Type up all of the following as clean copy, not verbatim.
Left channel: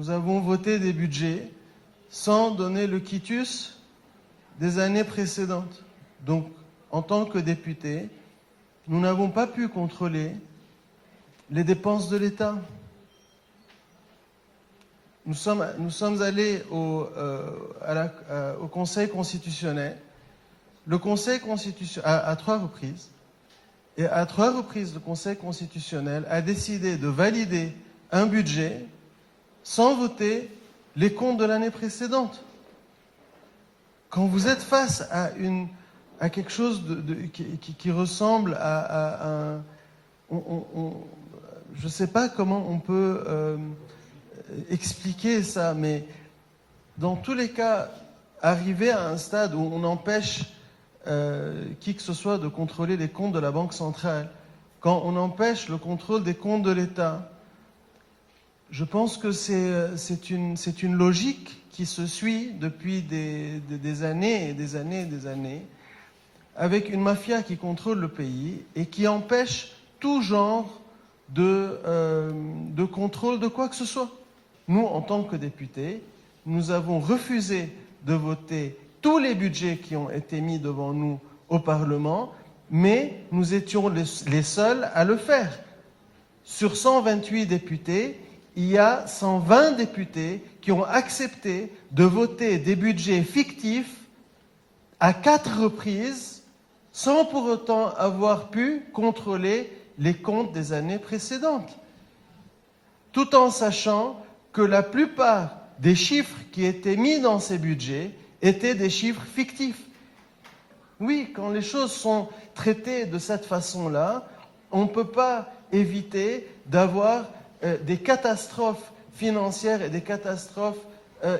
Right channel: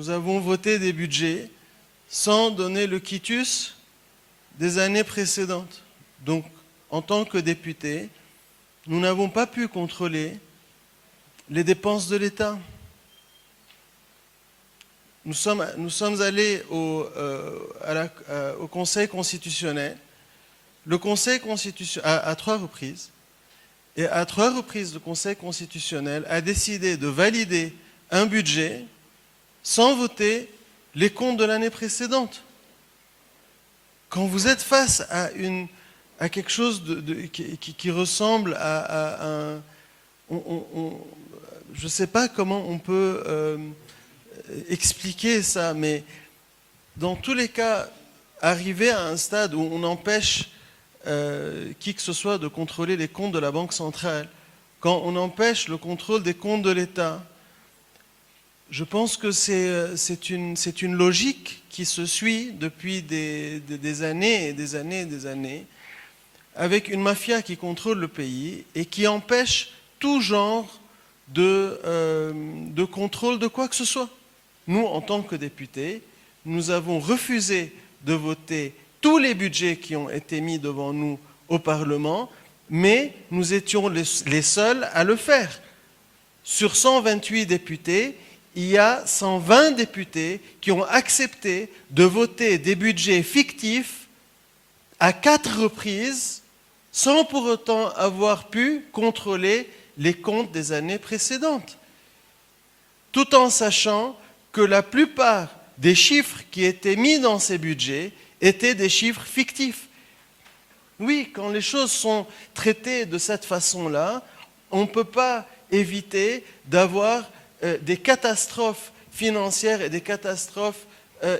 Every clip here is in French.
nous avons voté des budgets sans donner le quitus des années précédentes. Donc, en tant que députés, nous n'avons pas pu contrôler les dépenses de l'État. Nous sommes allés au Conseil constitutionnel. Le Conseil constitutionnel, à 3 reprises, et à 3 reprises, le Conseil constitutionnel a décidé de valider un budget sans voter les comptes de l'année précédente. Quand vous êtes face à quelque chose qui ressemble à un... je ne sais pas comment on peut expliquer ça, mais dans tous les cas, arriver à un stade où on empêche qui que ce soit de contrôler les comptes de la Banque centrale, quand on empêche le contrôle des comptes de l'État, je pense que c'est une logique qui se suit depuis des années et des années et des années, avec une mafia qui contrôle le pays et qui empêche tout genre de contrôle de quoi que ce soit. Nous, en tant que députés, nous avons refusé de voter tous les budgets qui ont été mis devant nous au Parlement, mais nous étions les seuls à le faire. Sur 128 députés, il y a 120 députés qui ont accepté de voter des budgets fictifs à 4 reprises, sans pour autant avoir pu contrôler les comptes des années précédentes, tout en sachant que la plupart des chiffres qui étaient mis dans ces budgets étaient des chiffres fictifs. Oui, quand les choses sont traitées de cette façon-là, on ne peut pas éviter d'avoir des catastrophes financières et des catastrophes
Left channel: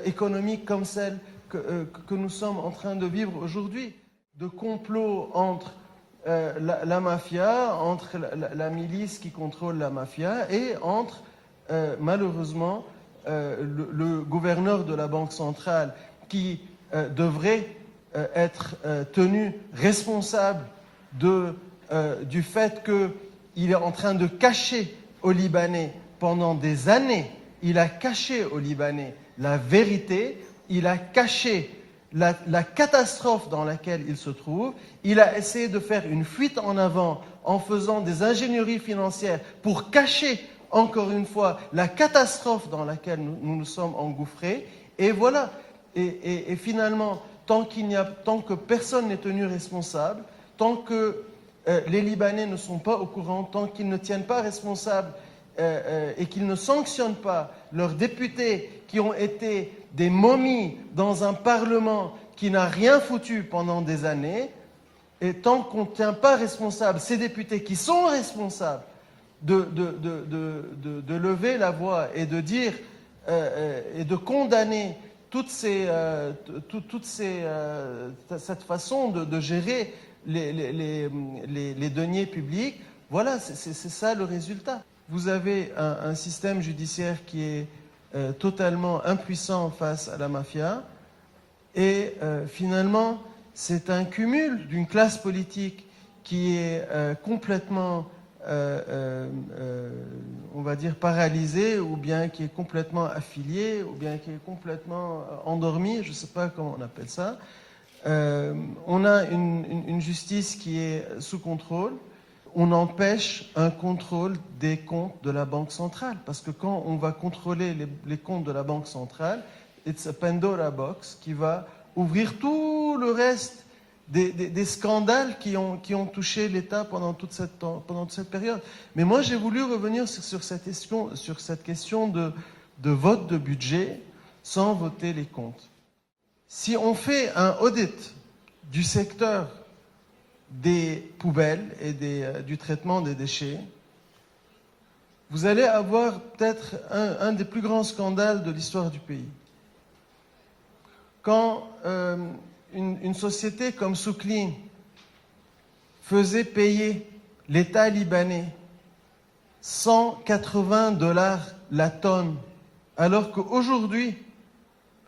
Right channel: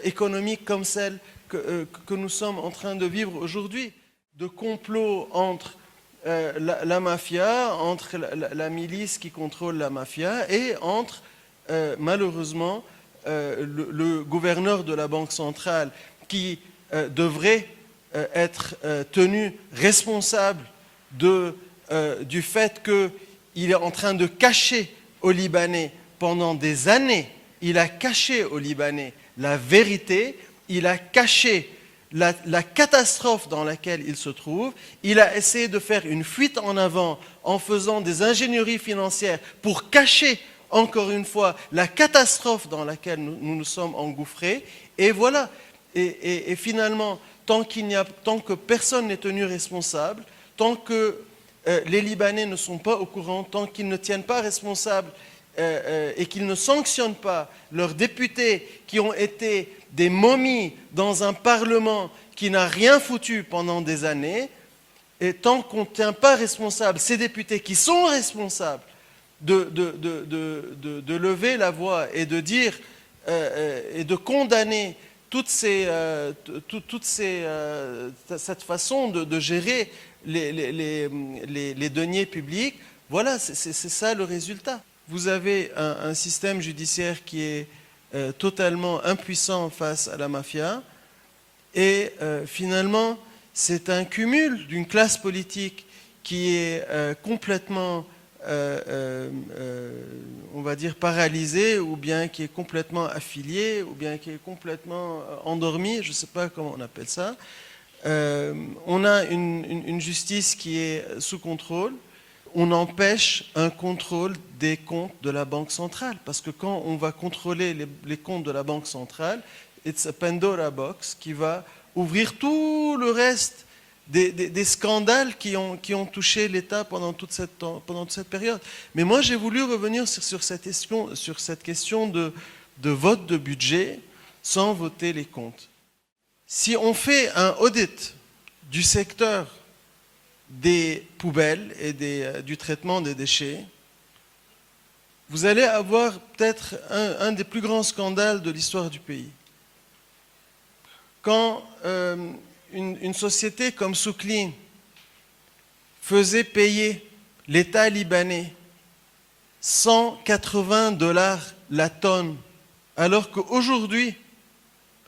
économiques comme celles que nous sommes en train de vivre aujourd'hui. De complots entre la mafia, entre la milice qui contrôle la mafia et entre, malheureusement, le gouverneur de la Banque centrale qui devrait être tenu responsable du fait qu'il est en train de cacher aux Libanais pendant des années, il a caché aux Libanais la vérité, il a caché la catastrophe dans laquelle il se trouve, il a essayé de faire une fuite en avant en faisant des ingénieries financières pour cacher encore une fois la catastrophe dans laquelle nous nous sommes engouffrés, et voilà. Et finalement, tant que personne n'est tenu responsable, tant que les Libanais ne sont pas au courant, tant qu'ils ne tiennent pas responsables et qu'ils ne sanctionnent pas leurs députés qui ont été des momies dans un Parlement qui n'a rien foutu pendant des années, et tant qu'on ne tient pas responsable ces députés qui sont responsables de lever la voix et de dire et de condamner cette façon de gérer les deniers publics, voilà, c'est ça le résultat. Vous avez un système judiciaire qui est totalement impuissant face à la mafia, et finalement, c'est un cumul d'une classe politique qui est complètement, on va dire, paralysée, ou bien qui est complètement affiliée, ou bien qui est complètement endormie, je ne sais pas comment on appelle ça. On a une justice qui est sous contrôle. On empêche un contrôle des comptes de la Banque centrale, parce que quand on va contrôler les comptes de la Banque centrale, it's a Pandora box qui va ouvrir tout le reste des scandales qui ont touché l'État pendant toute cette période. Mais moi, j'ai voulu revenir sur cette question de vote de budget sans voter les comptes. Si on fait un audit du secteur des poubelles et du traitement des déchets, vous allez avoir peut-être un des plus grands scandales de l'histoire du pays. Quand une société comme Souclean faisait payer l'État libanais 180 $ la tonne, alors qu'aujourd'hui,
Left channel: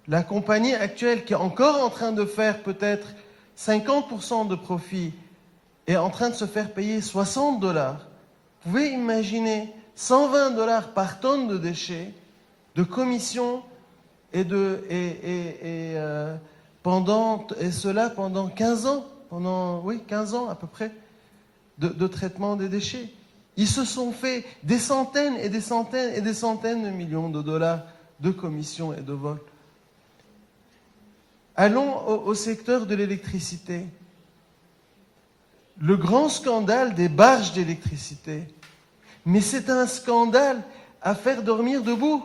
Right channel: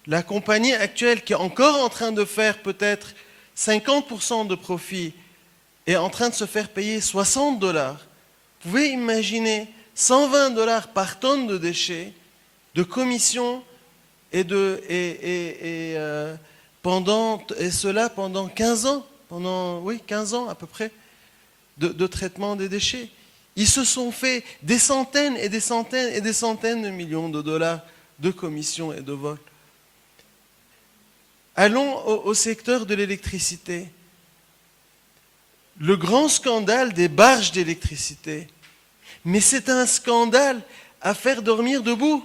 la compagnie actuelle qui est encore en train de faire peut-être 50% de profit est en train de se faire payer 60 $. Vous pouvez imaginer 120 $ par tonne de déchets, de commissions et cela pendant 15 ans, pendant 15 ans à peu près, de traitement des déchets. Ils se sont fait des centaines et des centaines et des centaines de millions de dollars de commissions et de vols. Allons au secteur de l'électricité. Le grand scandale des barges d'électricité. Mais c'est un scandale à faire dormir debout.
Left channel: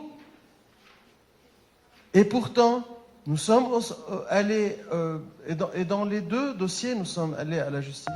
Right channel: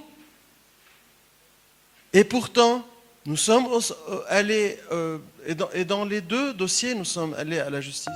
Et pourtant, nous sommes allés, et dans les deux dossiers, nous sommes allés à la justice.